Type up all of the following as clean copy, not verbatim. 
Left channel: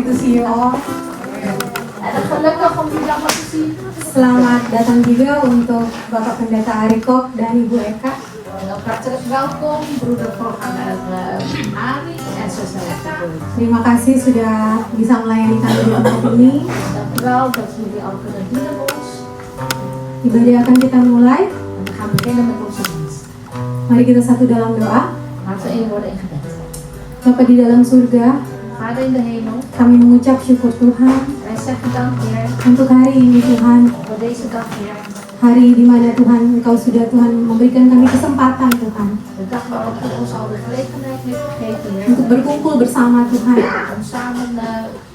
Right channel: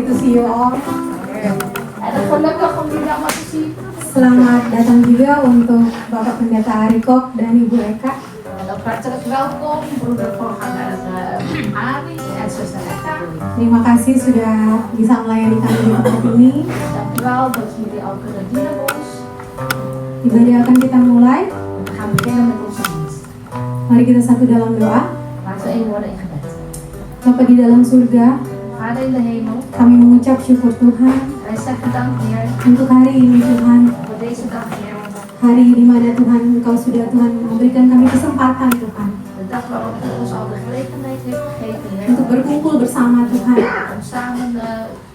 happy to see you all. En gelukkig om jullie allemaal te zien. Selamat datang juga untuk Bapak Pendeta Arikok dan Ibu Eka. En ook hartelijk welkom, broeder en Ari en zuster Eka. Terima kasih sudah bisa melayani kami di tempat ini. Dank u wel dat jullie al kunnen dienen ons. Ibadah akan kita mulai. En we gaan beginnen met onze dienst. Mari kita satu dalam doa. Laten we één worden in gebed. Bapa di dalam surga, Vader in de hemel, kami mengucap syukur Tuhan wij zeggen dank Heer untuk hari ini Tuhan. voor deze dag Heer. Hari di mana Tuhan Engkau sudah Tuhan memberikan kami kesempatan Tuhan De dag waarop u ons al de gelegenheid heeft gegeven Heer. untuk berkumpul bersama Tuhan, Om samen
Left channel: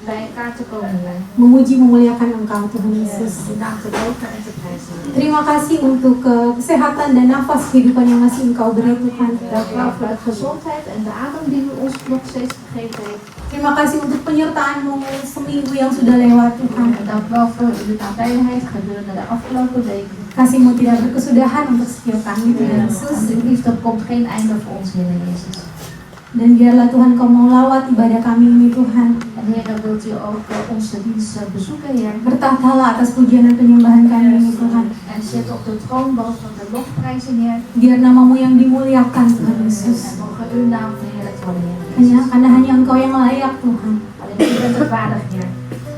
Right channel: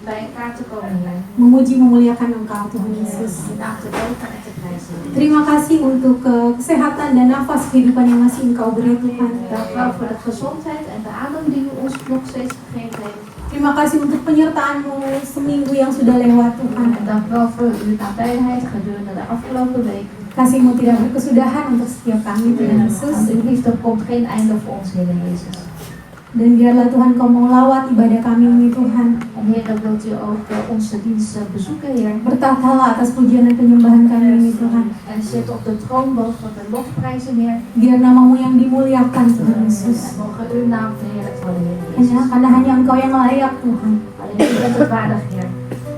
bij elkaar te komen Heer. memuji memuliakan Engkau Tuhan Yesus. Uw naam te loven en te prijzen Heer. Terima kasih untuk kesehatan dan nafas kehidupan yang masih Engkau beri Tuhan. Dank u wel voor de gezondheid en de adem die u ons nog steeds gegeven heeft. Terima kasih untuk penyertaan-Mu seminggu yang sudah lewat Tuhan. En dank u wel voor uw nabijheid gedurende de afgelopen week. Kasih-Mu tidak berkesudahan untuk setiap kami Tuhan Yesus. En uw liefde komt geen einde voor ons Heer Jezus. Dan biarlah Tuhan Kau melawat ibadah kami ini Tuhan. En Heer, dan wilt u ook onze dienst bezoeken Heer. Bertahtalah atas pujian dan penyembahan kami ini Tuhan. En zit op de troon boven de lofprijzen Heer. Biar nama-Mu yang dimuliakan Tuhan Yesus. En mogen uw naam verheerlijkt worden Heer. Karena hanya Engkau yang layak Tuhan. Alleen u bent het waardig Heer.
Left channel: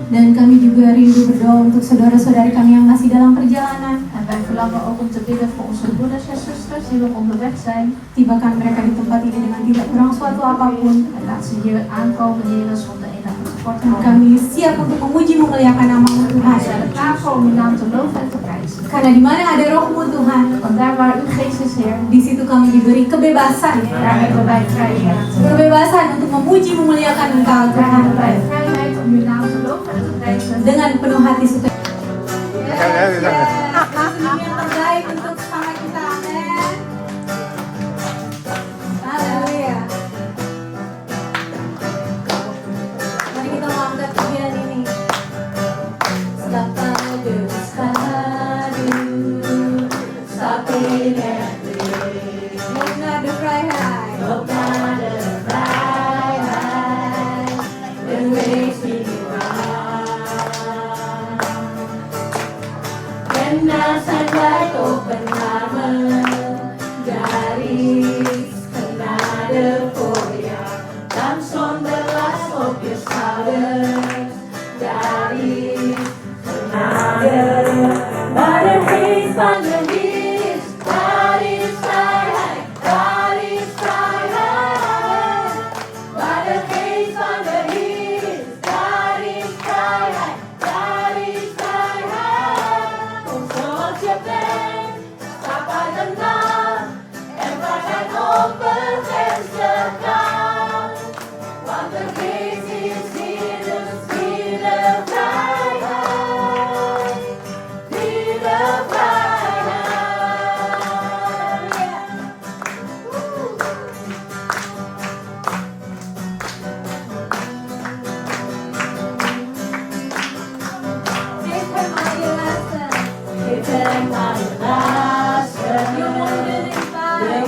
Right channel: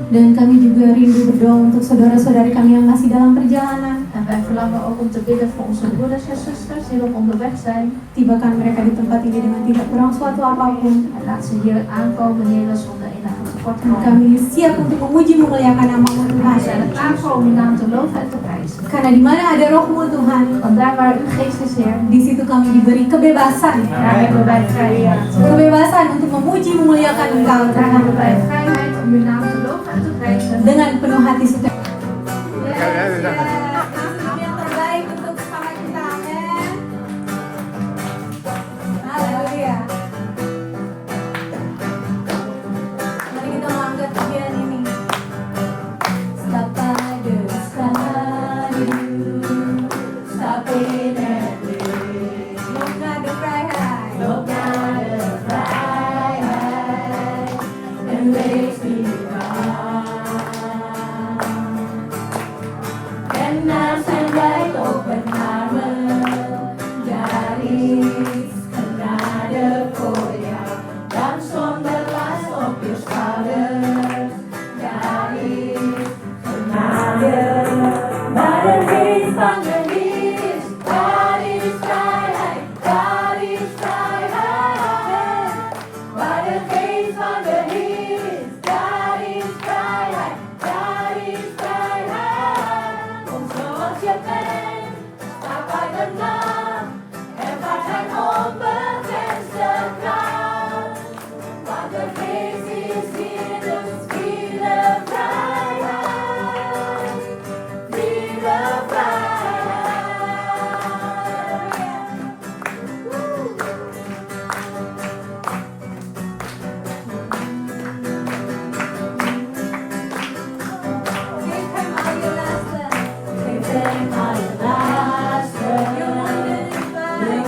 Dan kami juga rindu berdoa untuk saudara-saudari kami yang masih dalam perjalanan. En wij verlangen ook om te bidden voor onze broeders en zusters die nog onderweg zijn. Tibakan mereka di tempat ini dengan tidak kurang suatu apapun. En laat ze hier aankomen Heer zonder enige Dan tekortkoming. kami siap untuk memuji memuliakan nama-Mu Tuhan. We zijn er klaar voor om uw naam te loven en te prijzen. Karena di mana ada Roh-Mu Tuhan, Want daar waar uw geest is Heer, di situ kami diberi kebebasan. daar hebben wij vrijheid. Kebebasan untuk memuji memuliakan Engkau Daar Tuhan. hebben wij vrijheid om uw naam te loven en te prijzen. Dengan penuh hati suka. Ya, di sana. Kasih yang terbaik untuk semangat kita. Amin. Haleluya. Mari kita mau angkat bagian ini. Stapadu, stapinetri. Mengadu vrijheid. Mengadu vrijheid. En wees minimaal. En nou zijn wij ook benar garis genade voor jou. Dan zonder last op je schouders. Garis genade. Waar de geest van je is, daar is vrijheid. Daar is vrijheid. Waar de geest van je is, daar is vrijheid. Daar is vrijheid. Kom zoals je bent, sta bij de naam en waar zijn onbegrensde kracht. Want de geest is hier, dus vierde vrijheid. Vierde Geef hem al je lasten. Geef hem al je lasten. Je monden en pijn.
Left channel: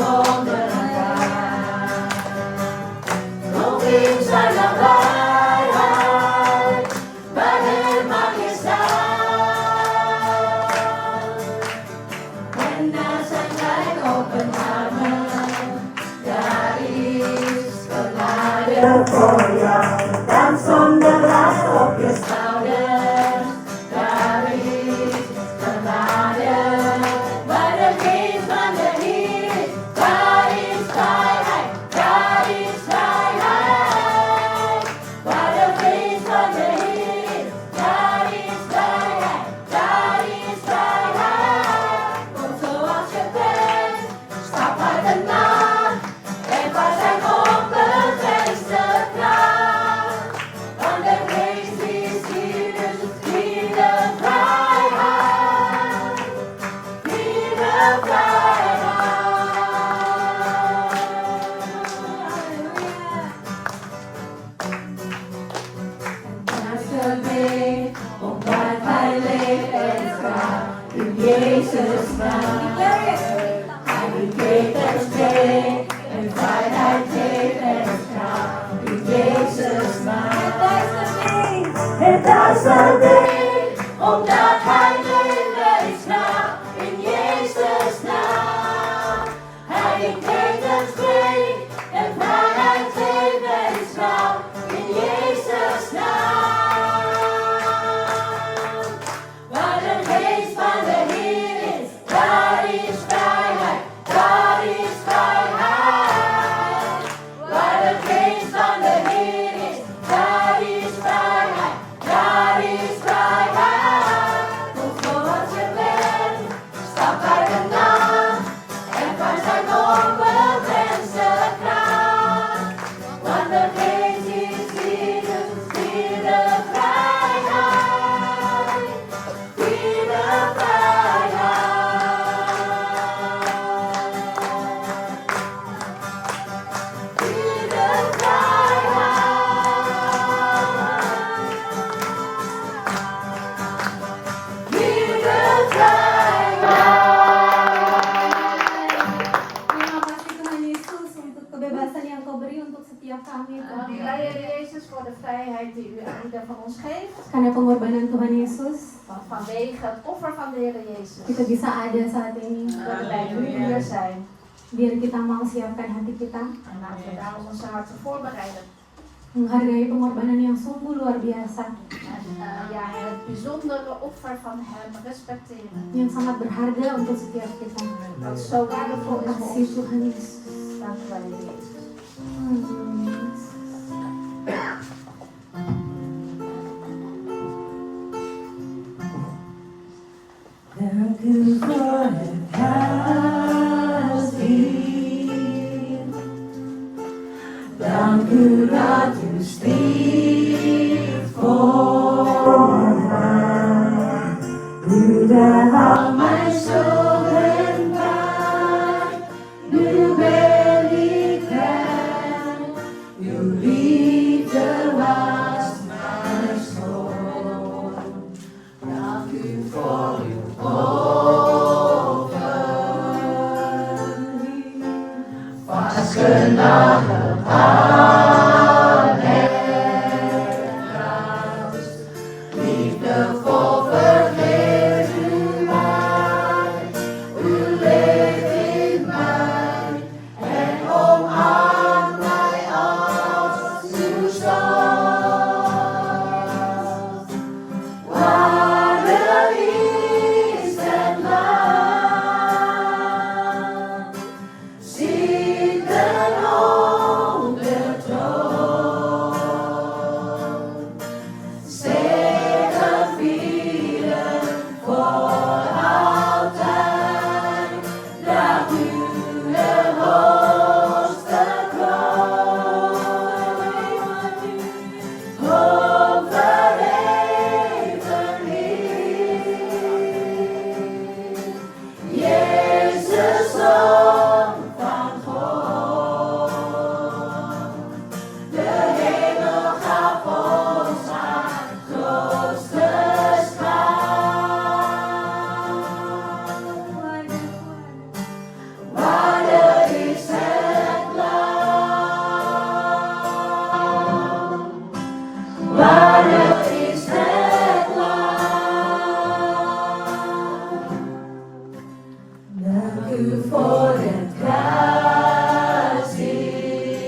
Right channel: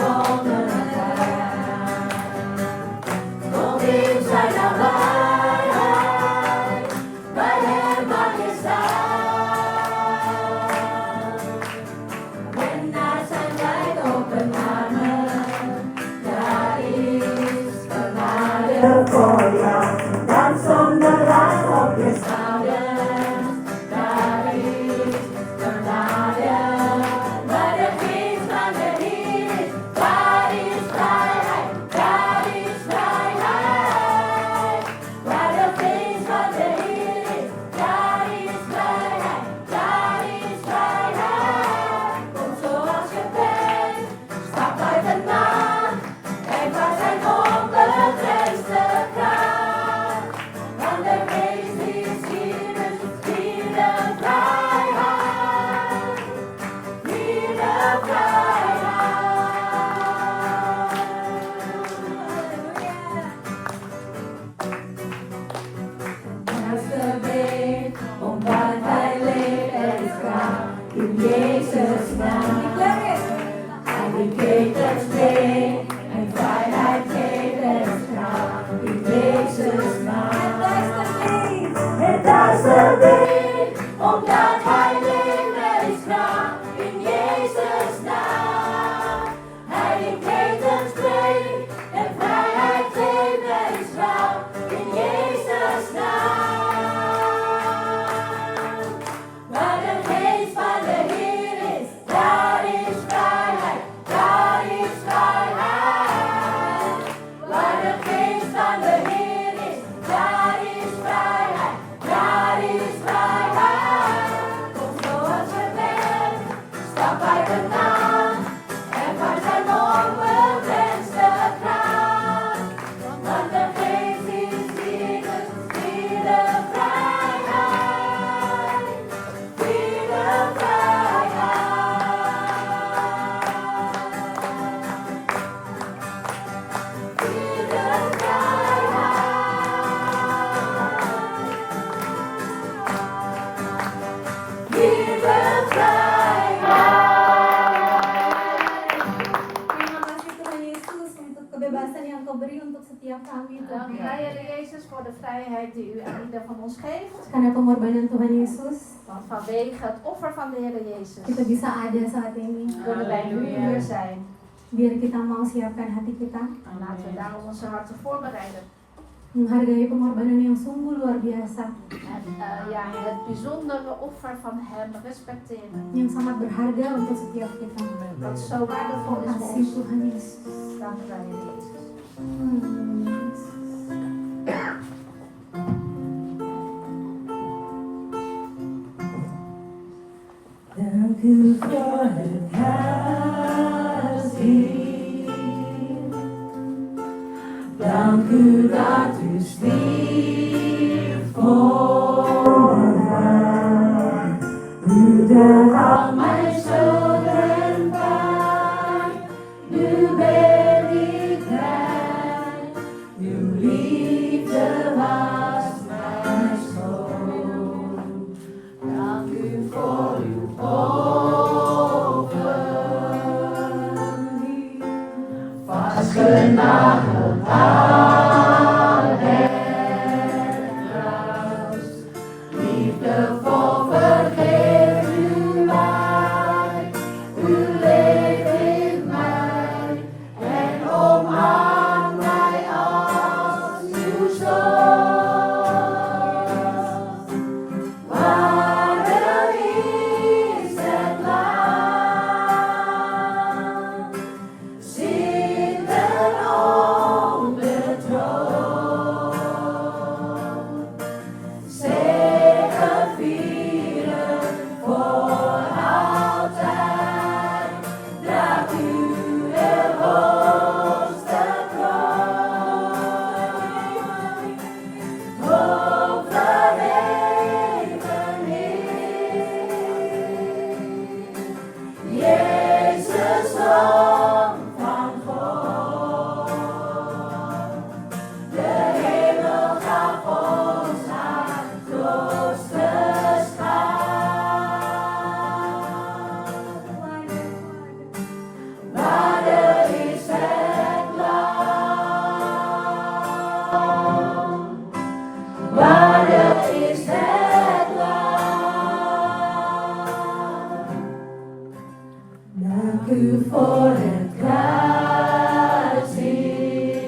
Kom in zijn nabijheid. Bij hem mag je staan. En na zijn tijd open armen. Daar is genade voor jou. Dan zonder last op je schouders. Daar is genade. Waar de geest van de Heer is, daar is vrijheid. Daar is vrijheid. Waar de geest van de Heer is, daar is vrijheid. Daar is vrijheid. Kom zoals je bent, stap uit de naam en waar zijn onbegrensde kracht. Want de geest is hier, dus vier de vrijheid. Vier de vrijheid. Omdat hij leeft en is waar, in Jezus naam. Hij bekleedt het steen en vrijheid geeft en is waar, in Jezus naam. alleen, omdat Hij leven is waar in Jezus' naam. Hij heeft levensvreugde en vrijheid geven is waar in Jezus' naam. Waar de geest van de Heer is, daar is vrijheid, daar is vrijheid. Waar de geest van de Heer is, daar is vrijheid, daar is vrijheid. Kom zoals je bent, stap bij de naam en van zijn onbegrensde kracht. Want de geest is liefde, vierde vrijheid, vierde vrijheid, vierde vrijheid, vierde Terima kasih Tuhan Yesus untuk kebebasan yang Kau beri untuk setiap kami Dank u Tuhan. wel, Heer Jezus, voor de vrijheid die u aan ieder van ons geeft. Karena pengorbanan Tuhan Yesus, Want vanwege het offer van de Heer Jezus kita bisa ada saat ini. kunnen wij nu hier zijn. Biar kita mau siapkan hati kita, En laten we daarom onze harten voorbereiden. menghargai pengorbanan yang sungguh luar biasa, En het bijzondere offer van Hem respecteren. yang sangat berharga untuk setiap kita. Dat zo waardevol Terima is voor kasih ons. Tuhan Yesus. Dank u wel, Heer Jezus. Dank u voor het kasih. Dank u dat u stierf voor mij. U behoudt mijn schuld en pijn. Nu ben ik rein. Uw liefde was mijn zoon. Dank u voor uw offering. Vastgenageld aan het kruis. Liefdevol vergeeft u mij. U leeft in mij en omarmt mij als uw zoon. Waardig is het land, zitten op de troon. Zegevieren voor altijd, draagt u de hoogste kroon. Hoog verheven Heer, Jezus, Zoon van God. De hemel gaf ons haar grootste schat. Waardig is het land. Waardig is het land. Dank u voor het kruis, Heer.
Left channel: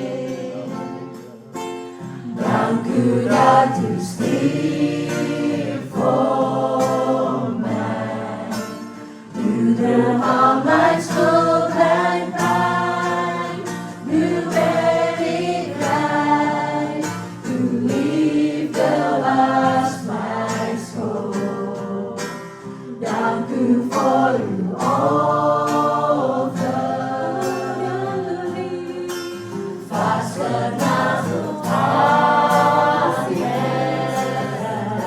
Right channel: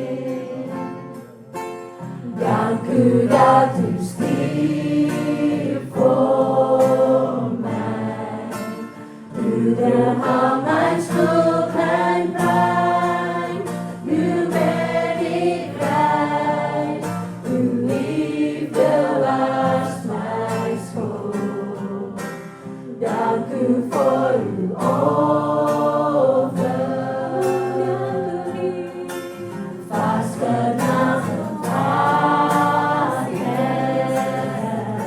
Dank u dat u stierf voor mij. U droeg al mijn schuld en pijn. Nu ben ik rein. Uw liefde was mijn schoon. Dank u voor uw offering. Vastgenageld aan het kruis.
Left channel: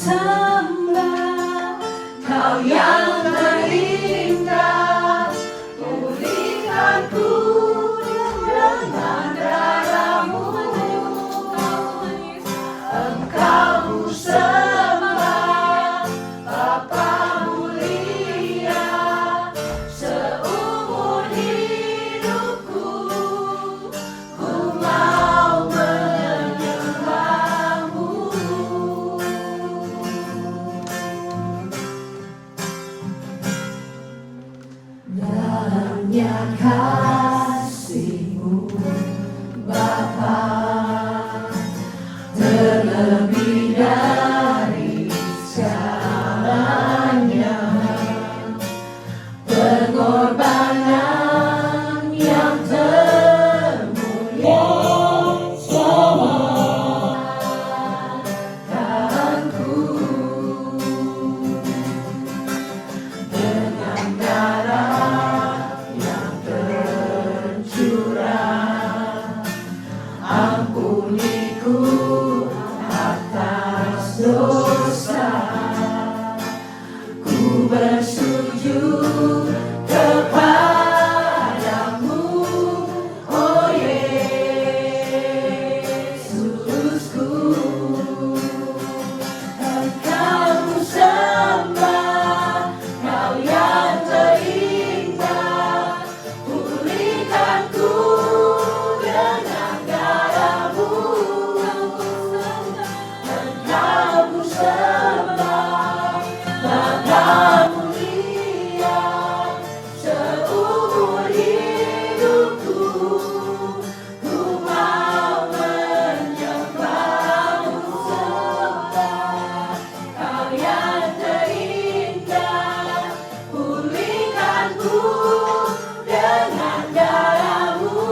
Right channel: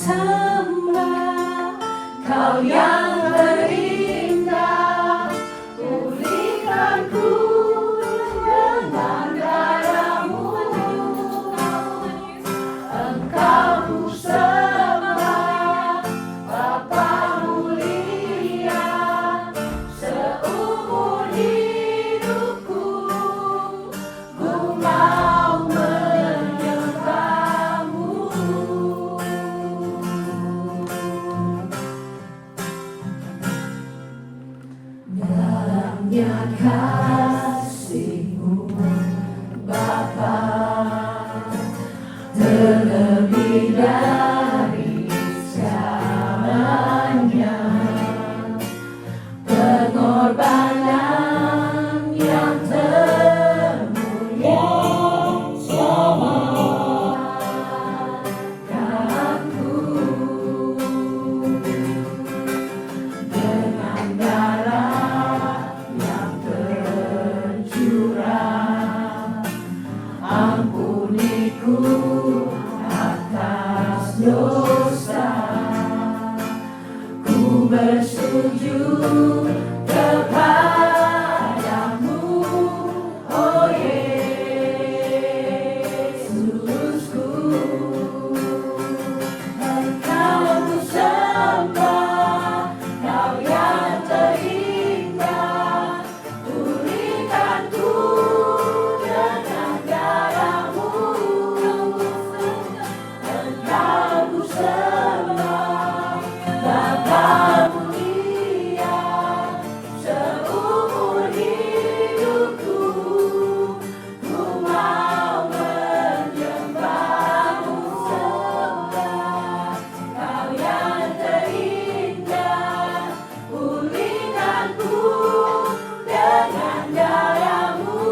sembah, Kau yang terindah. Pulihkanku dengan darah-Mu. Engkau ku sembah, Bapa mulia. Seumur hidupku ku mau menyembah-Mu. Dalamnya kasih-Mu Bapa, terlebih dari segalanya, pengorbanan yang termulia selamatkanku. Dengan darah yang tercurah, ampuniku atas dosa. Ku bersujud kepadamu, oh Yesusku. Engkau ku sembah, Kau yang terindah. Pulihkanku dengan darah-Mu. Engkau ku sembah, Bapa mulia. Seumur hidupku ku mau menyembah-Mu. Sembah, Kau yang terindah. Pulihkanku dengan darah-Mu.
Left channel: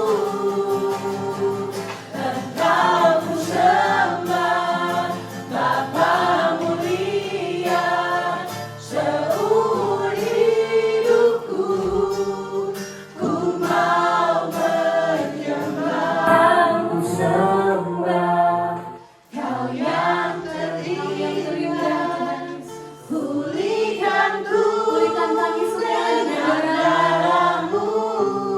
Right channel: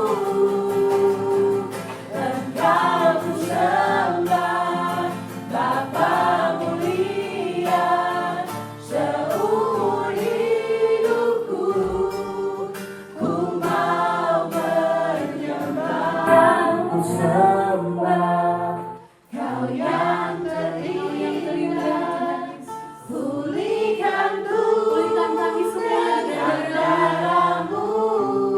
Engkau ku sembah, Bapa mulia. Seumur hidupku ku mau menyembah. Ku sembah, Kau yang terindah. Pulihkanku dengan darah-Mu.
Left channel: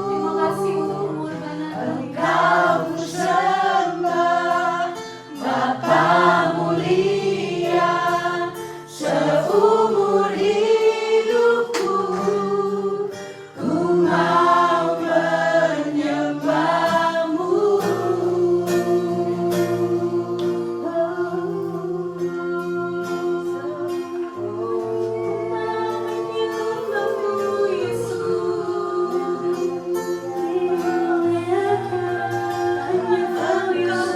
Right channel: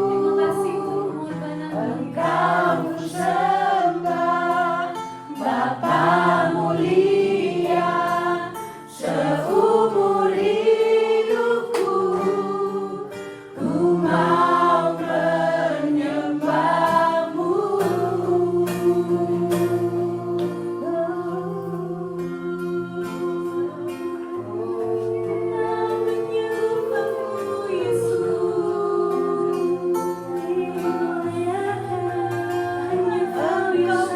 Terima kasih untuk pengorbanan. Engkau ku sembah, Bapa mulia. Seumur hidupku ku mau menyembah-Mu. Menyembah-Mu, Yesus. Hanya Kau yang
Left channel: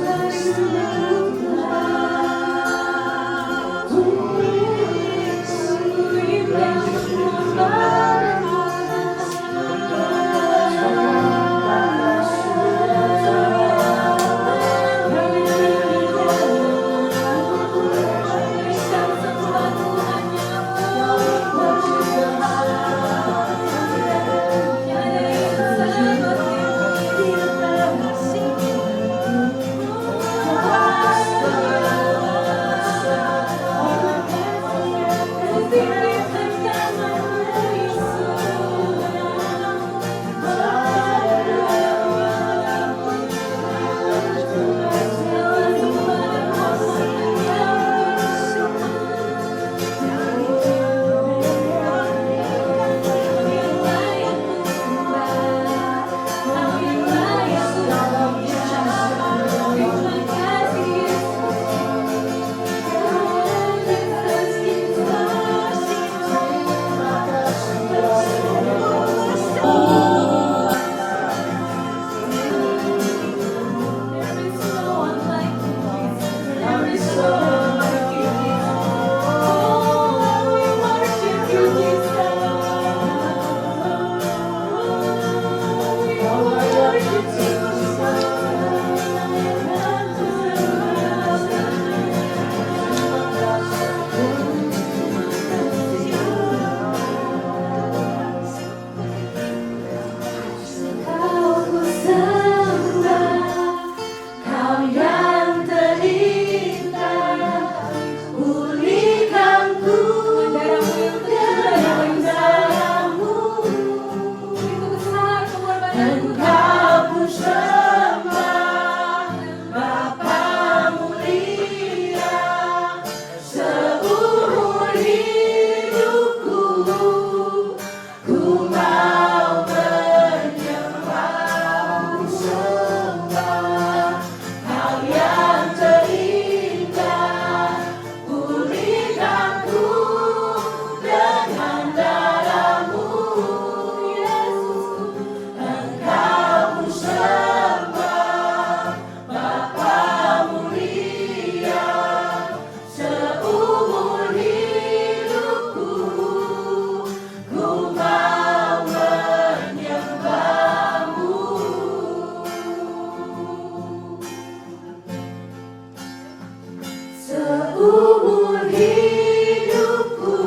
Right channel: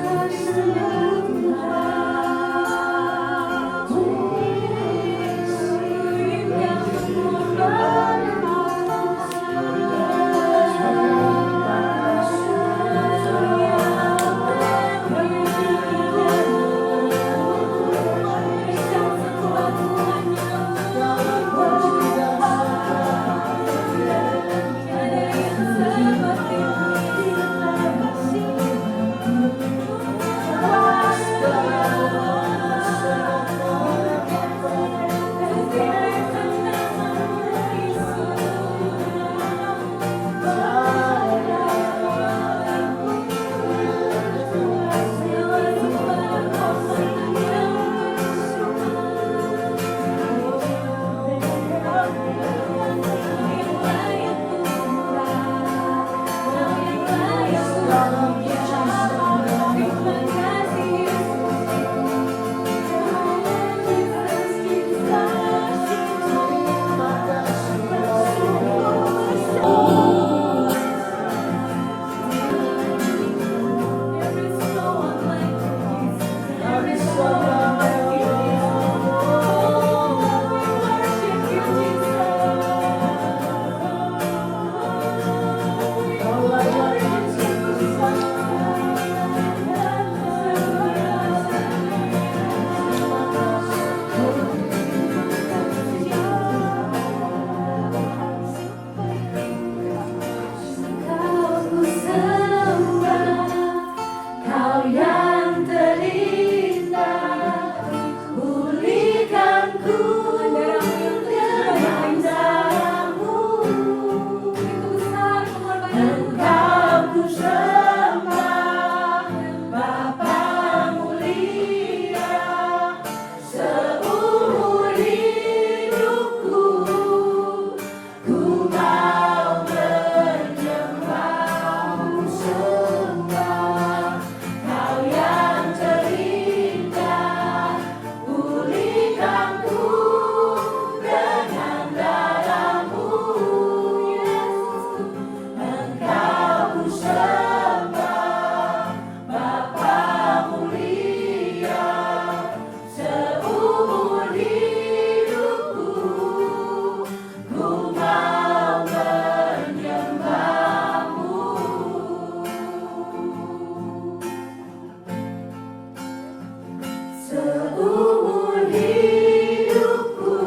seumur hidupku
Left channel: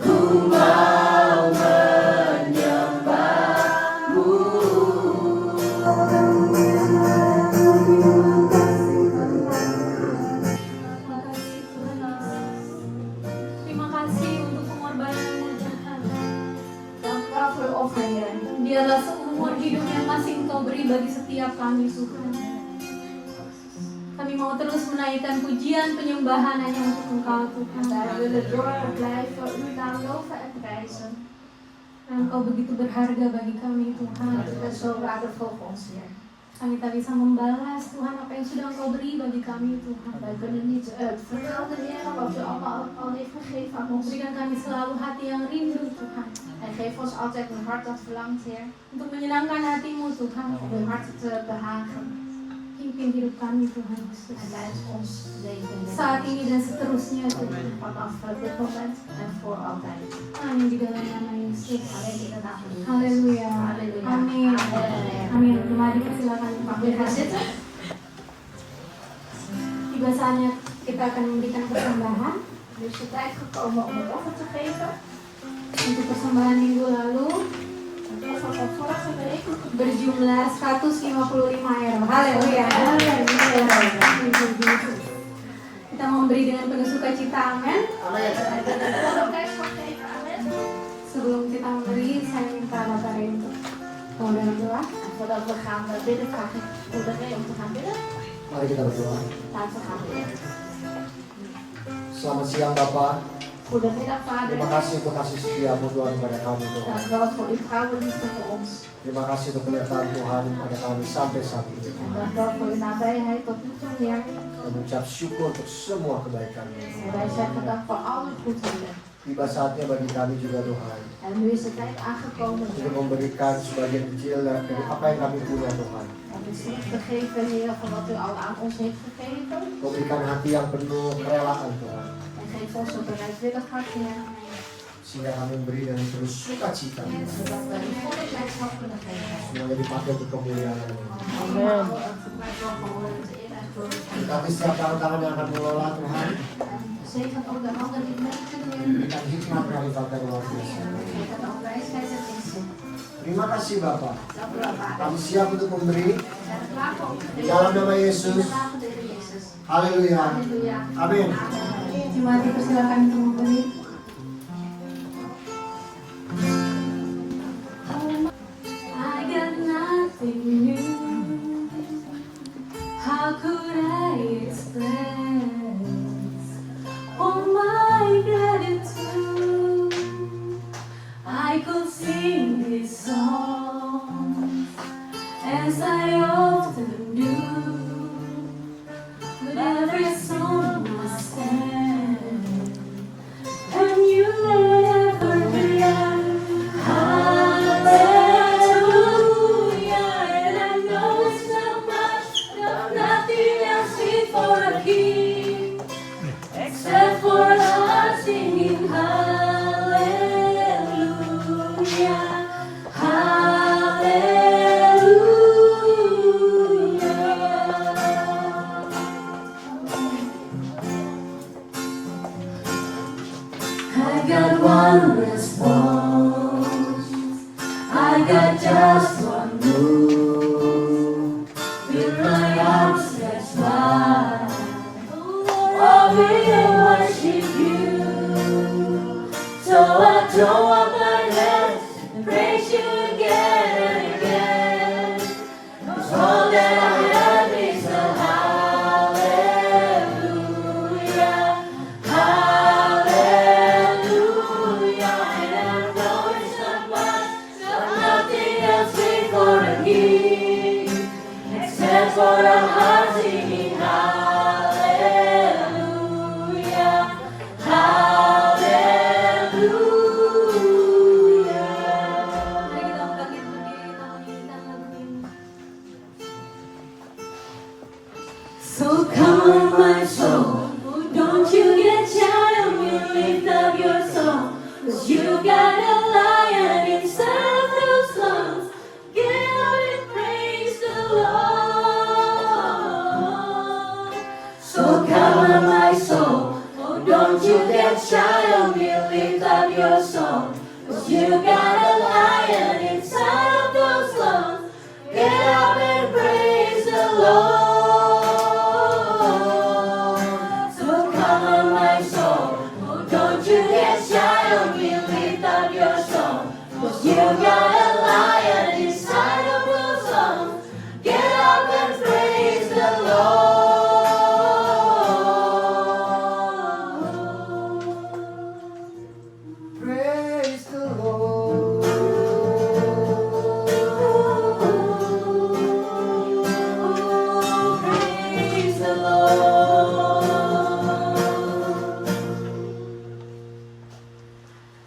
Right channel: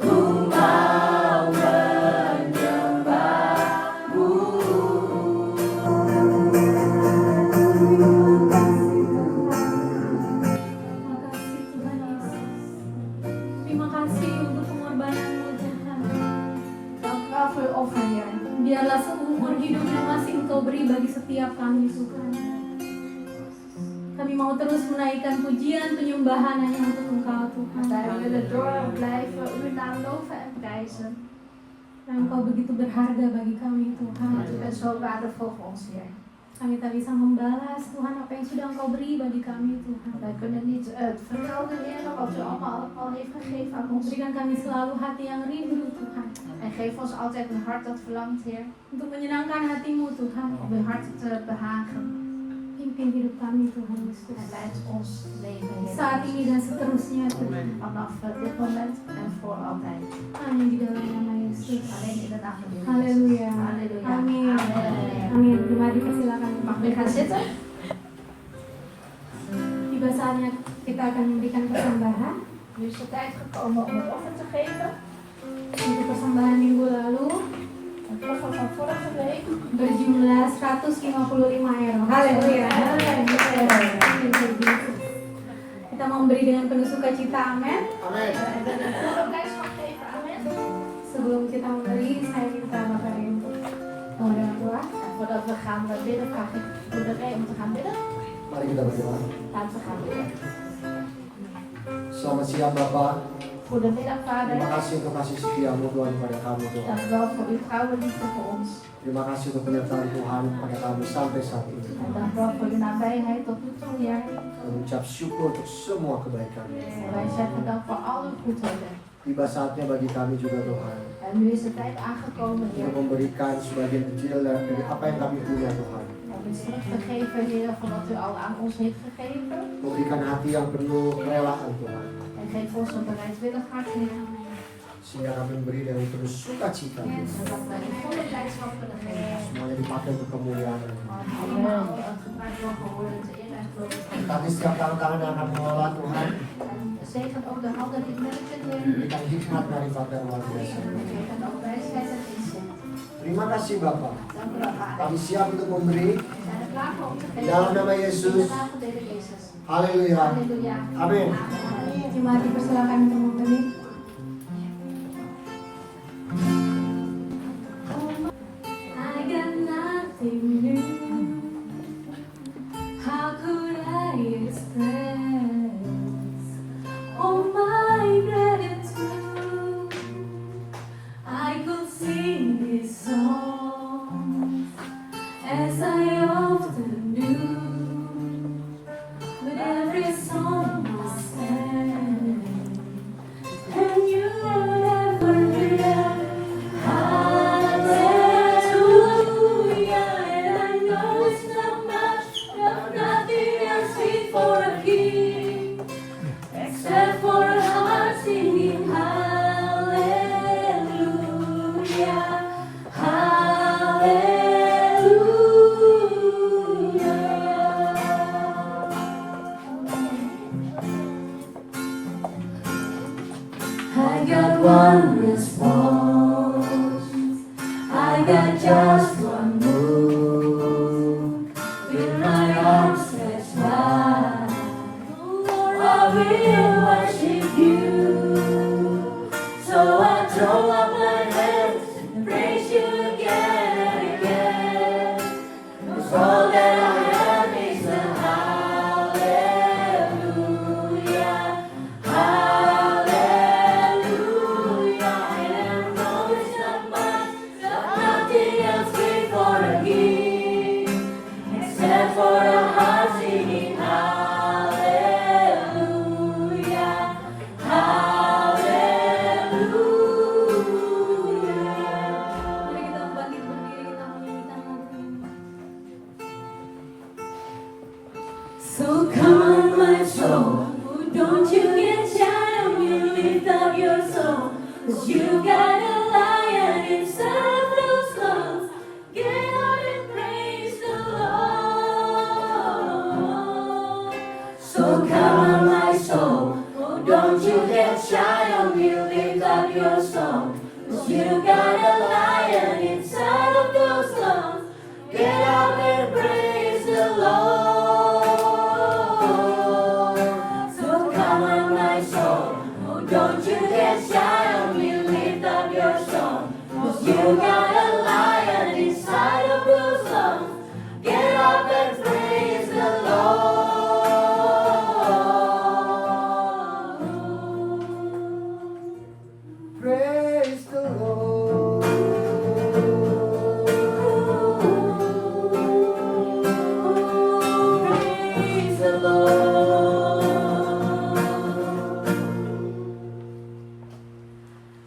ku mau menyembahmu. Terima kasih untuk pengorbananmu Tuhan. Dank u wel voor uw offer, Heer. Biarlah seumur hidup yang masih Engkau beri bagi setiap kami Tuhan. Kami mau terus menaikkan pujian penyembahan hanya untuk Engkau Tuhan. Wij willen door blijven uw naam loven en prijzen. Dan Engkau begitu berharga bagi kami Tuhan. Want u bent zo waardevol voor ons, Heer. Kami tak bisa membalas Tuhan apa yang sudah Engkau beri bagi kami Tuhan. Wij kunnen niet vermelden, Heer, wat u allemaal al heeft gegeven aan ons. Berikan kami selalu hati yang rindu Tuhan. En geef ons altijd een hart dat verlangt, Heer, Untuk menyenangkan hatimu Tuhan. om uw hart te behagen. Pimpin hidup kami Tuhan Yesus. En tijdens ons leven, Heer. Saat ini dan seterusnya Tuhan. Vanaf dit moment en voor altijd. Hanya di dalam nama Yesus. Alleen in de naam van Jezus. Haleluya. Halleluja. Amin. Amen. Amin. Mari persilakan. Mag u gaan zitten? Tiba saatnya kita akan memberikan persembahan. Nu is de tijd gekomen om het offer te geven. Untuk persembahan minggu lalu Het offer van vorige week. berjumlah 155 euro. Haleluya. Haleluya. Kita mau memberi dengan penuh sukacita. Amin. Amin. Amen. Sebelum kita memberi, saya minta Bapak Ray untuk mohon doa. En voordat we gaan bidden, vraag ik moeder Ray om te gaan bidden. Mari kita berdoa. Laten we gaan bidden. Selamat siang Bapak. Goedemiddag, Vader. Terima kasih untuk kasih setiamu Tuhan kepada kami Tuhan. Dank u wel voor uw trouwe liefde voor ons. Terima kasih untuk penyertaan Tuhan pada kami sampai saat ini. En dank u wel voor uw nabijheid tot nu toe, Heer. Kami mengucap syukur untuk semua kebaikan-Mu. Wij zeggen dank voor al uw goedheden. Tiba saatnya bagi kami juga Tuhan En nu is de tijd aangekomen, untuk Heer, memberikan sebagian kecil dari apa yang kami punya Tuhan. om iets terug te geven, Heer, van wat u al aan ons heeft gegeven. Memberikan hati yang penuh kerelaan Tuhan. En geef ons een bereidwillig hart, Heer. Sehingga kami memberi dengan penuh sukacita. Zodat we de volle blijdschap kunnen geven. Semuanya dipakai untuk kemuliaan-Mu. Allemaal gebruikt mogen worden te eer en glorie van u. Tapi setiap tangan-tangan yang akan mengelola Tuhan, Zegen ook de handen die werken, Heer. berikan hikmat dari Bapak yang luar biasa. Geef ook wijsheid en inzicht. Terima kasih Bapak. Dank u wel, Vader. Kami siap untuk memberi. We zijn er klaar voor om te geven. Dalam nama In de Yesus. naam van de Heer Jezus. Haleluya. Halleluja. Amin. Mari persilakan untuk memberi. I got nothing new. How could I express all my gratitude? I could sing this song as I often do, but every song must end, and you never will. Hallelujah, and I know it's not much, no, nothing else fit for a king, except for a heart singing hallelujah, hallelujah. I got one response, I got just one move, with my arms stretched wide, Lord, I will worship you. So I throw up my hands and praise you again and again, 'cause all that I have is a hallelujah, hallelujah. And I know it's not much, but nothing else fit for a king, except for a heart singing hallelujah, hallelujah. Mari kita bangkit berdiri, kita menyanyikan lagu ini. So come on my soul, don't you get shy when you lift up your soul, 'cause you got a lion inside of those lungs. Get on and praise the Lord. So come on my soul. Oh, don't you get shy on me, lift up your song. 'Cause you got a lion inside of those lungs. Get up and praise the Lord. So come on my soul. Oh, don't you get shy on me, lift up your song. 'Cause you got a lion inside of those lungs. Get up and praise the Lord. Praise the Lord. Praise the Lord.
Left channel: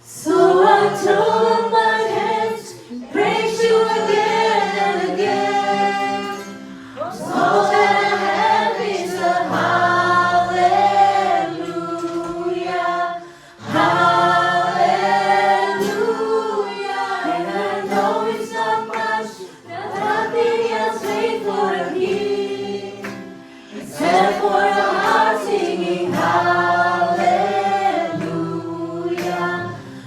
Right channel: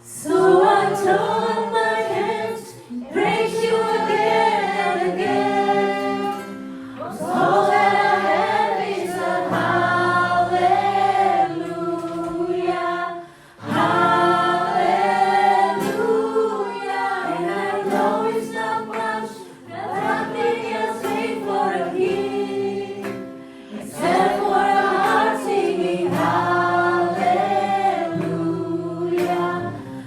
So I throw up my hands, praise you again and again. 'Cause all that I have is a hallelujah, hallelujah. And I know it's not much, that nothing else ain't for a king, except for a heart singing hallelujah,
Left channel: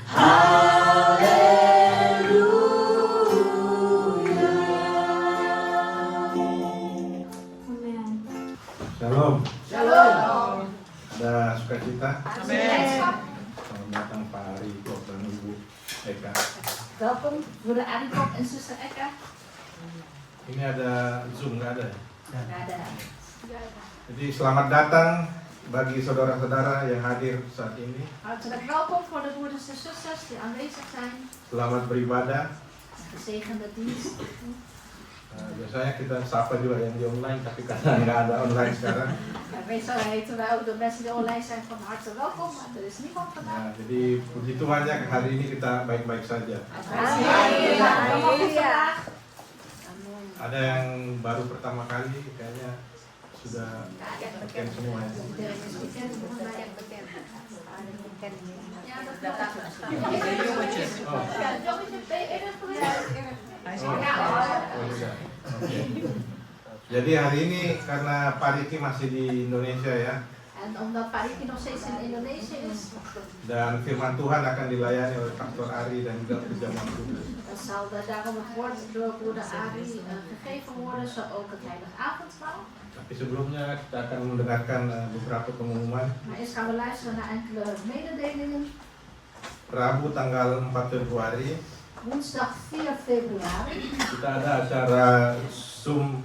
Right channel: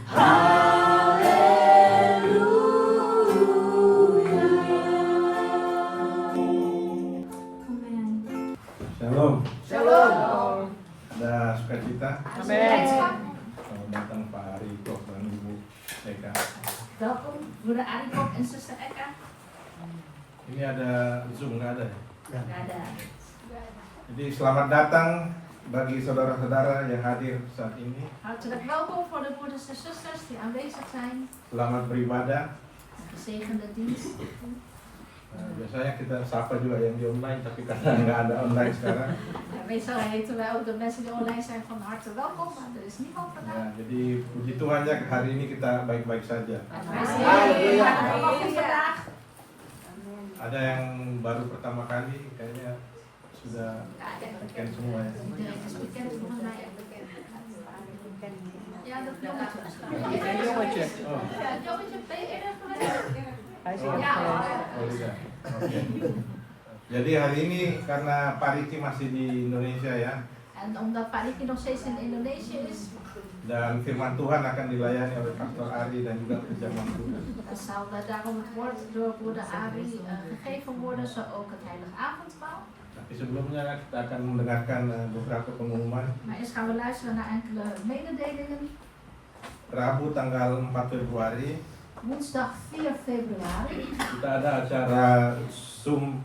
hallelujah. Amen. Shalom. Shalom. Ada sukacita? Blijdschap. Selamat datang Pak Riko dan Ibu Eka. Welkom, broeder Ariko en zuster Eka. Ini ada Zoom, nggak ada? Nggak ada. Jadi selamat datang bagi saudara-saudara yang hadir saat ini. Hartelijk welkom voor de broeders en zusters die aanwezig zijn. Selamat beribadah. Gezegende dienst. Biasanya kita sapa juga yang di online, tapi karena nggak ada online sekarang. En meestal heten wij ook de mensen die online zijn van harte welkom, maar er is niemand vandaag. Nah, jadi puji Tuhan ya hari ini kita baik-baik saja. Wij zijn allemaal goed vandaag. Ada yang baru pertama kali, kayaknya sudah weekend semua ya. Iedereen is bekend, volgens mij echt bekend. Ja, dat klopt. Oh, Ja, jongetje, ben je eerder geweest? oh, Ja, oh sudah. Oke. Jadi hari ini karena Pak Riki masih di Indonesia ya, En omdat Pak Riki nog steeds in Indonesië is, dan firman Tuhan akan dilayani oleh Pastor Ari dan juga perjamuan kudus. dan zal daarom het woord door broeder Ari gegeven worden, zo ook het heilige avondmaal. Tapi sebelumnya kita akan mendengarkan beberapa pengumuman. Maar eerst gaan we luisteren naar enkele mededelingen. Rabu tanggal 4 Februari Woensdag 4 februari, kita ada acara Zoom,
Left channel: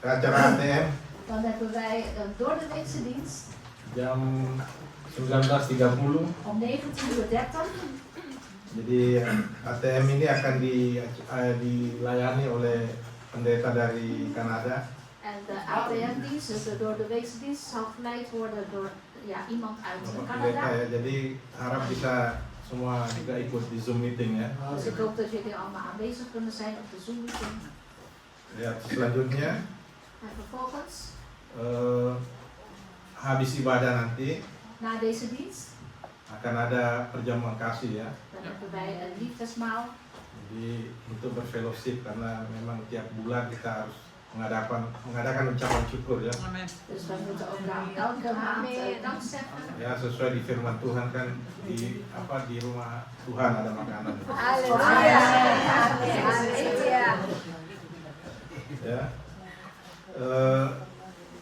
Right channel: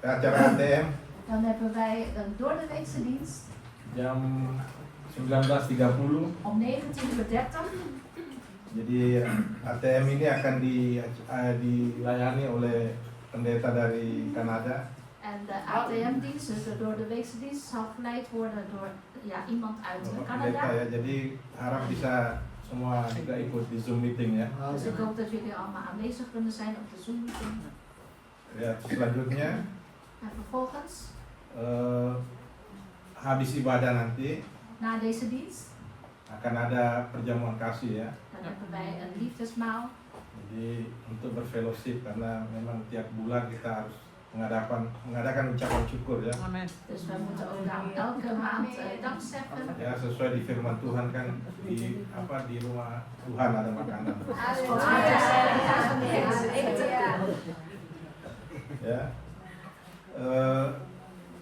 acara ATM dan hebben wij een doordeweekse dienst jam 19.30. om 19:30 uur. Jadi ATM ini akan dilayani oleh pendeta dari Kanada. En de ATM-dienst, dus de doordeweekse dienst, zal geleid worden door iemand uit Bapak pendeta Canada. ya. Jadi harap bisa semua juga ikut di Zoom meeting ya. Dus ik hoop dat jullie allemaal aanwezig kunnen zijn op de Zoom-meeting. Ya, selanjutnya En vervolgens, habis ibadah nanti na deze dienst, akan ada perjamuan kasih ya. dan hebben wij een liefdesmaal. Jadi untuk berfellowship karena memang tiap bulan kita harus mengadakan ucapan syukur ya. Dus we moeten ook elke maand dank zeggen. Ya sesuai di firman Tuhan kan di rumah Tuhan ada makanan. Ya.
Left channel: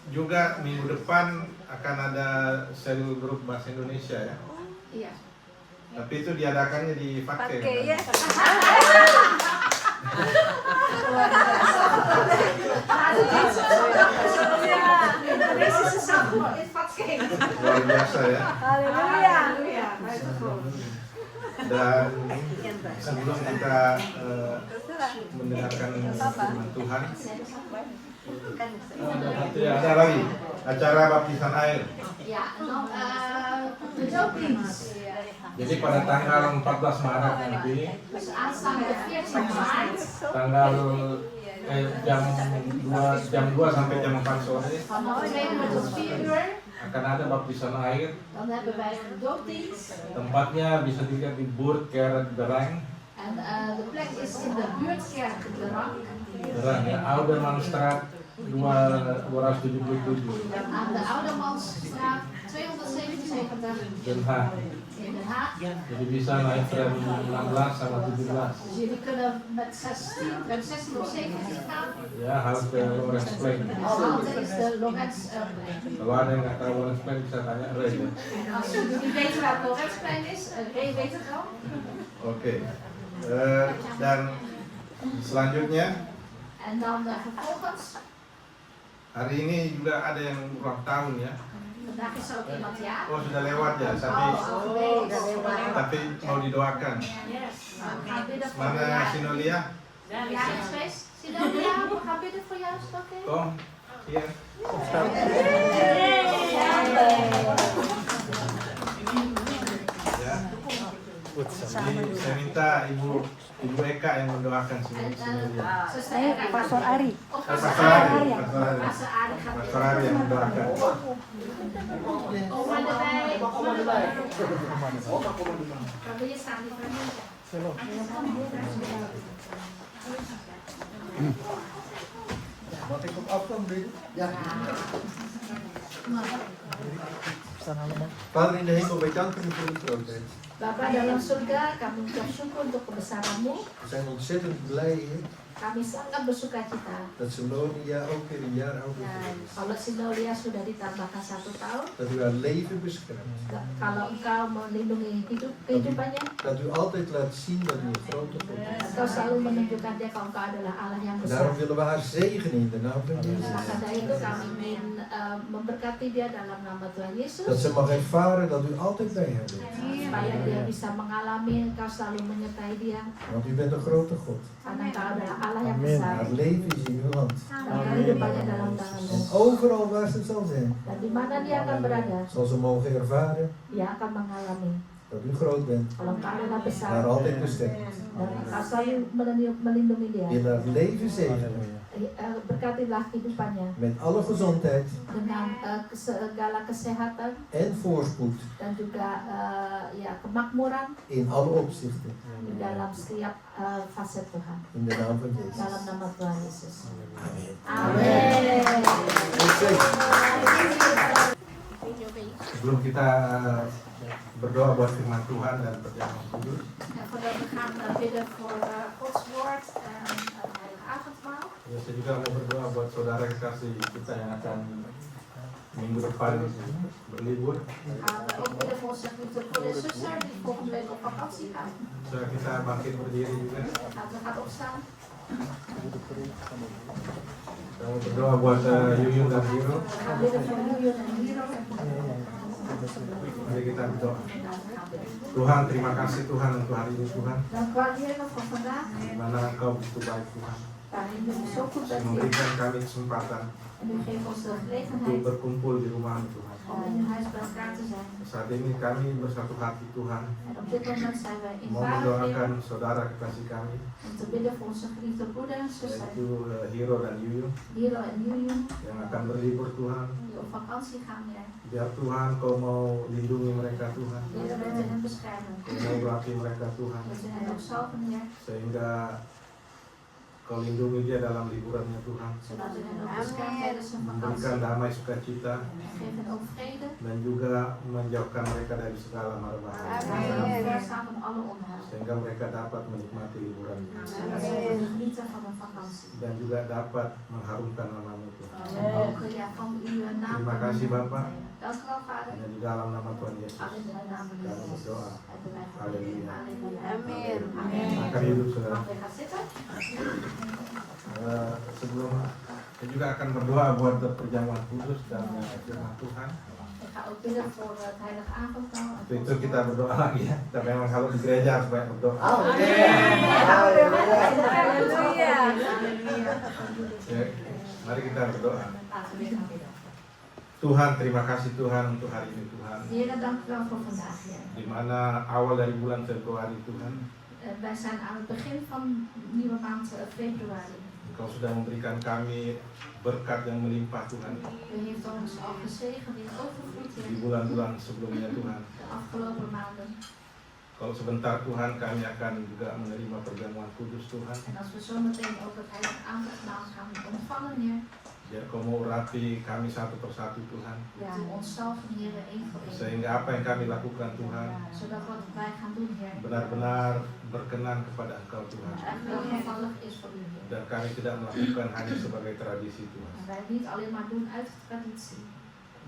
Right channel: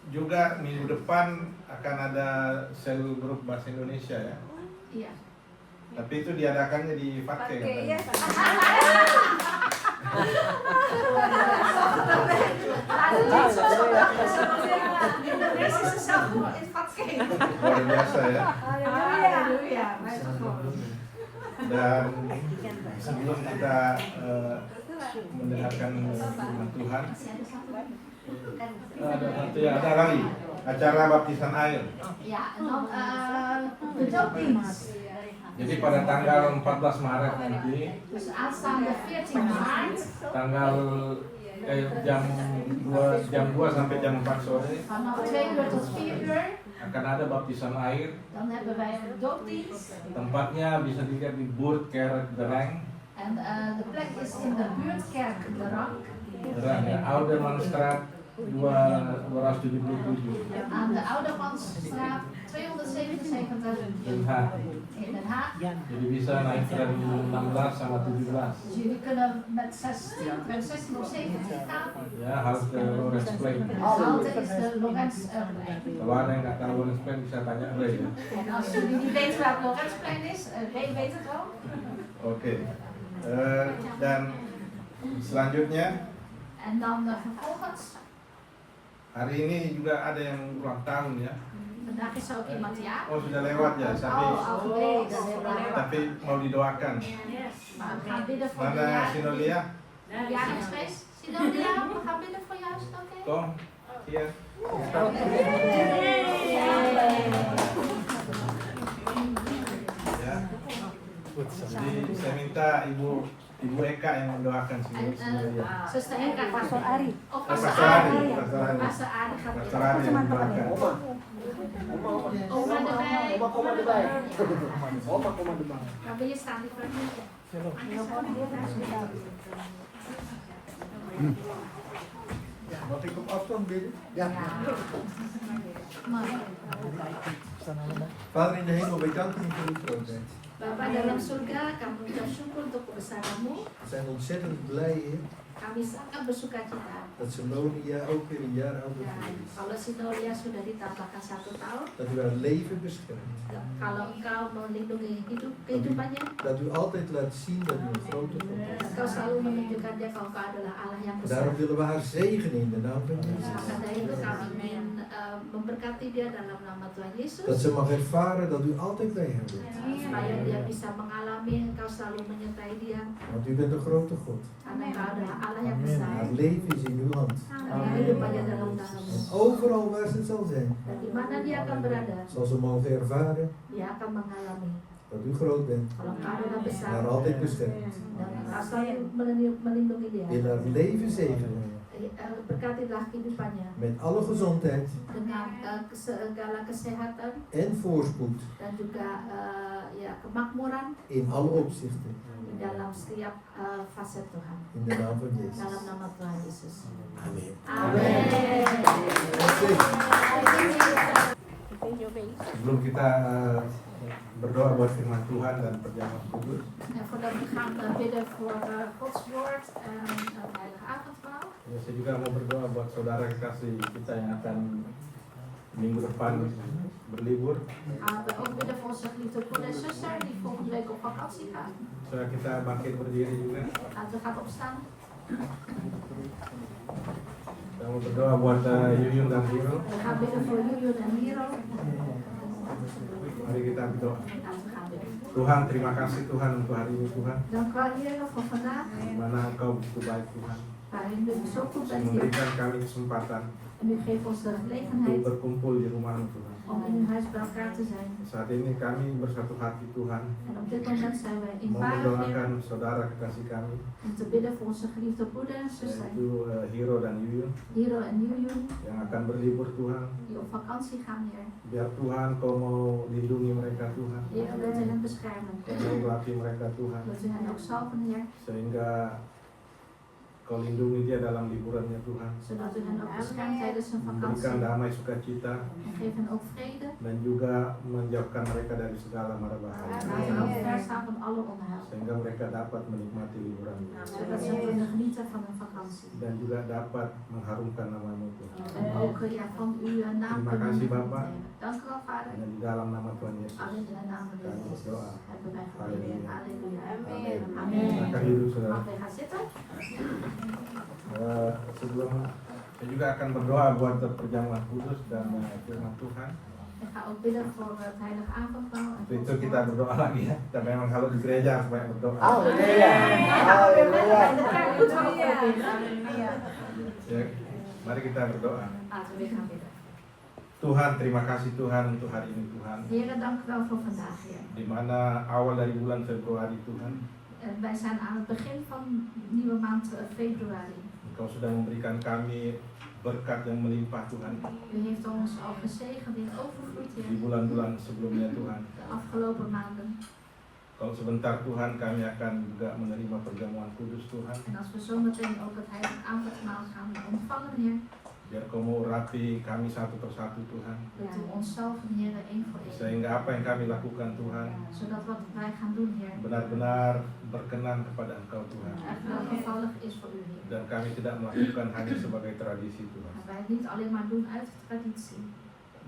Juga minggu depan akan ada sel grup bahasa Indonesia ya. Iya. Tapi itu diadakannya di Fatke. Indonesische zanggroep in Fatke. Luar biasa ya. Halleluja. Dan sebelum kita mendengarkan firman Tuhan, ada lagi acara baptisan air. Ja, en dan de doopdienst. Jadi pada tanggal 14 Maret nanti, Dus aanstaande 14 maart, tanggal jam 2 sampai jam 4 sore vanaf 2 uur tot 4 uur, akan ada baptisan air. dan hebben wij een doopdienst. Tempatnya bisa dilihat di Buurtkerk Derang. En de plek is in de buurtkerk De Rang. Derang ya, Aldermanstraat 277 Aan de Oudemansstraat 277 Den Haag. in Den Haag. Jadi bisa naik tram 16 sama 17. Dus jullie kunnen met 16 of 17 gaan. Ya, halte Lorensplein. De halte is de Lorenzplein. Kalau ada yang nggak tahu Lorensplein bisa tanya Ray ya. En als jullie niet weten waar het Lorenzplein is, Ray weet het wel. Oke. Dan selanjutnya En dan vervolgens, hari ini juga ada yang ulang tahun ya. vandaag is er ook iemand jaar. Oh sudah lewat ya, tapi Al geleden, dat is heel lewat. tapi mau didoakan. Maar we gaan bidden voor de Mana Sinolia? jaringsfeest. Sinolia, we gaan bidden voor jou, is het oké? Tom, hier. Ya. Jadi saya minta Ibu Eka yang mendoakan En Sinolia. zuster Eka, Pastor Ari. Oh, Pastor Pastor Ari, Ari. Pastor Ari. Pastor Ari gaat Pastor Ari yang mendoakan. Oma erbij. Oma erbij. Oma, kom erbij. Kan wil je staan, liever? Mag ik op afstand bidden? Ja. Vader in de hemel, wij danken u voor uw grootheid. Bapa dalam surga, kami mengucap syukur untuk kebesaranmu. We zijn ontzettend blij, Heer, Kami sangat bersuka cita. dat Sinonia ook weer een jaar ouder Dan is. kalau Sinolia sudah ditambahkan 1 tahun, Dat u haar leven beschermt. kalau engkau melindungi kehidupannya, Dat u altijd laat zien dat u een grote God bent. engkau selalu menunjukkan dia kalau engkau adalah Allah yang besar. Daarom willen we haar zegenen in de naam van Jezus. Maka dari itu kami ingin memberkati dia dalam nama Tuhan Yesus. Dat ze mag ervaren dat u altijd bij haar bent. Supaya dia bisa mengalami engkau selalu menyertai dia. Want u bent een grote God. Karena engkau adalah Allah yang besar. Het leven is in uw hand. Dan kehidupannya dalam tanganmu. En overal waar ze zal zijn, Dan di mana dia akan berada, zal ze mogen ervaren dia akan mengalami dat u groot bent. kalau engkau adalah besar. Haar altijd beschermt. Dan engkau selalu melindungi dia. In haar leven zegenen. Berkatilah kehidupannya Met alle gezondheid dengan segala kesehatan en voorspoed dan juga ya kemakmuran in alle opzichten. di dalam setiap fase Tuhan. In de naam van Jezus. Dalam nama Tuhan Yesus. Amen. Amin. Sebelum kita berdoa buat firman Tuhan dan perjamuan kudus, En voordat we gaan bidden voor Gods woord en het heilige avondmaal. ya, saya juga mau berdoa buat saudara kekasih kita yang akan minggu depan berlibur. Gaan we ook bidden voor onze geliefde broeder en zuster die volgende week op vakantie gaan. Saya kita bangkit berdiri juga. Laten we gaan opstaan. Saya mau berdoa buat Yuyun dan Hiro. We gaan bidden voor Julian en Hero. Mari kita berdoa. Laten we gaan bidden. Tuhan, terima kasih Tuhan untuk hari ini Tuhan. Dank u wel, Heer, voor vandaag. Di mana Engkau begitu baik Tuhan. Waarin u zo goed bent, Heer. Memberikan kami kesempatan En u geeft ons de untuk gelegenheid berkumpul di rumah-Mu Tuhan. om in uw huis bij elkaar te zijn. Saat ini kami bersatu hati Tuhan En op dit moment zijn we mau eenvoudig mendoakan Heer, saudara kekasih kami om te bidden voor onze geliefde broeder en zuster, yaitu Hiro dan Yuyun Hero en Julian, yang akan berlibur Tuhan. die op vakantie gaan, Heer. Biar Tuhan Kau mau lindungi mereka Tuhan. Heer, wilt u hen beschermen. Kau mau melatih mereka Tuhan. Wilt u hen ook zalven, Heer, Sehingga Kau lindungi dia dalam liburannya Tuhan. zodat u hen ook beschermt tijdens hun Memberikan vakantie. damai sukacita En geef hen ook vrede. dan juga menjauhkan mereka dari segala mara bahaya. Laat hen ook verstaan van alle onheil. Sehingga mereka dapat menikmati liburannya Zodat ze kunnen genieten van hun vakantie. dan juga dapat mengharumkan nama-Mu Tuhan. En ook ja, van uw naam Terima kunnen kasih, Bapak. brengen. Dank u wel, Vader. Hanya di dalam nama Tuhan Yesus. Alleen in de naam van Kami Jezus. berdoa. Hebben wij Halleluja. Halleluja. Amin. Amin. Silakan duduk saudara. Mag je gaan zitten? Sebelum saya juga akan berdoa buat perjamuan kudus dan firman Tuhan. Ik ga ook bidden voor het heilige avondmaal. Untuk itu kita berdoa lagi ya. Kita memang kalau di gereja harus banyak berdoa. Ya, mari kita berdoa. Laten we gaan bidden. Tuhan, terima kasih Tuhan untuk hari ini Tuhan. Heer, dank u wel voor vandaag, Heer. Di mana awal dari bulan Februari Tuhan, Wij zijn aan het begin van de nieuwe maand februari. Engkau sudah memberikan kami berkat yang melimpah Tuhan. U heeft ons al gezegend in overvloed, Di Heer, bulan-bulan sebelumnya Tuhan. de afgelopen maanden. Kalau sebentar Tuhan kami akan juga menerima perjamuan kudus Tuhan. En als we zometeen ook het heilige avondmaal gaan ontvangen, Heer, Biar Kau mau urapi kami satu persatu Tuhan. Wilt u ons zalven, Heer, één voor één. Sehingga apa yang kami lakukan Tuhan Zodat wat wij gaan doen, Heer, benar-benar berkenan kepada Engkau Tuhan. echt welgevallig is voor u, Heer. Dan kami tidak melakukan hanya sebagai tradisi Tuhan. En wij niet alleen maar doen uit traditie.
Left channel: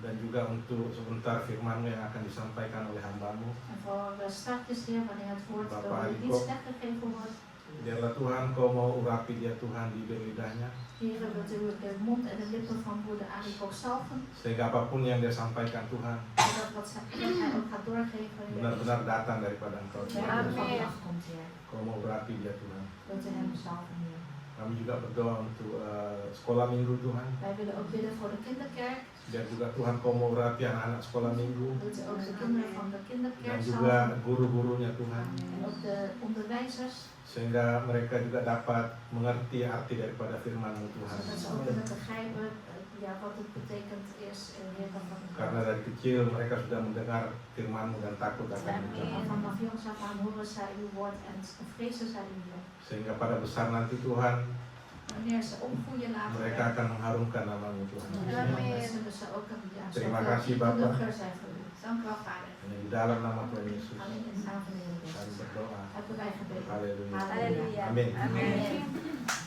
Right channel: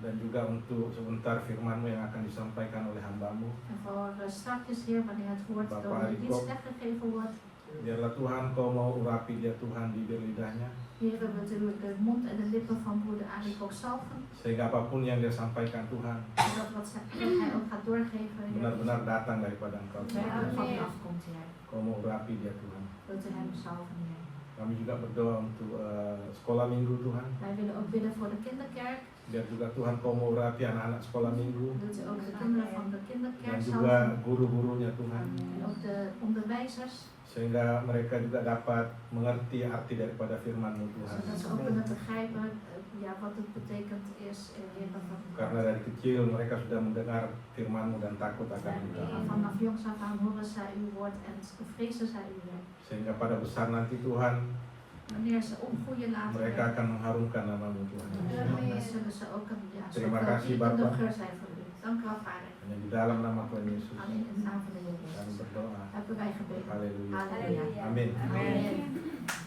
Dan juga untuk sebentar firman-Mu yang akan disampaikan oleh hamba-Mu. En voor straks, Heer, wanneer het woord Bapak door de Iko. dienst weggegeven wordt. Biarlah Tuhan Kau mau urapi dia Tuhan, bibir lidahnya. Heer, wilt u de mond en de lippen van broeder Arik ook zalven. Sehingga apapun yang dia sampaikan Tuhan Zodat wat hij ook gaat doorgeven, Heer, benar-benar datang daripada Engkau Tuhan. werkelijk van u afkomt, Heer. Kau mau urapi dia Tuhan. Wilt u hem zalven, Heer. Kami juga berdoa untuk sekolah minggu Tuhan. Wij willen ook bidden voor de kinderkerk. Biar juga Tuhan Kau mau urapi anak-anak sekolah minggu. Wilt u ook de kinderen van de Dan kinderkerk juga zalven. guru-gurunya Tuhan. En ook de onderwijzers. Sehingga mereka juga dapat mengerti arti daripada firman-Mu Tuhan. Zodat ze ook kunnen begrijpen ja, wat het betekent is, Heer, van het Karena dari kecil mereka sudah mendengar firman-Mu dan takut akan En Engkau. vanaf jongs af aan horen zij uw woord en vrezen zij u, Heer. Sehingga pada besar nanti Tuhan Wanneer ze opgroeien later, mereka akan mengharumkan nama-Mu Tuhan. dan zullen ze ook ja, Terima zoveel kasih, Bapak. kundiger zijn voor u. Dank u wel, Vader. Dan di dalam nama Tuhan Yesus Alleen in de naam van de Heer kami Jezus. berdoa. Hebben wij gebeden. Haleluya. Halleluja. Amin. Amen.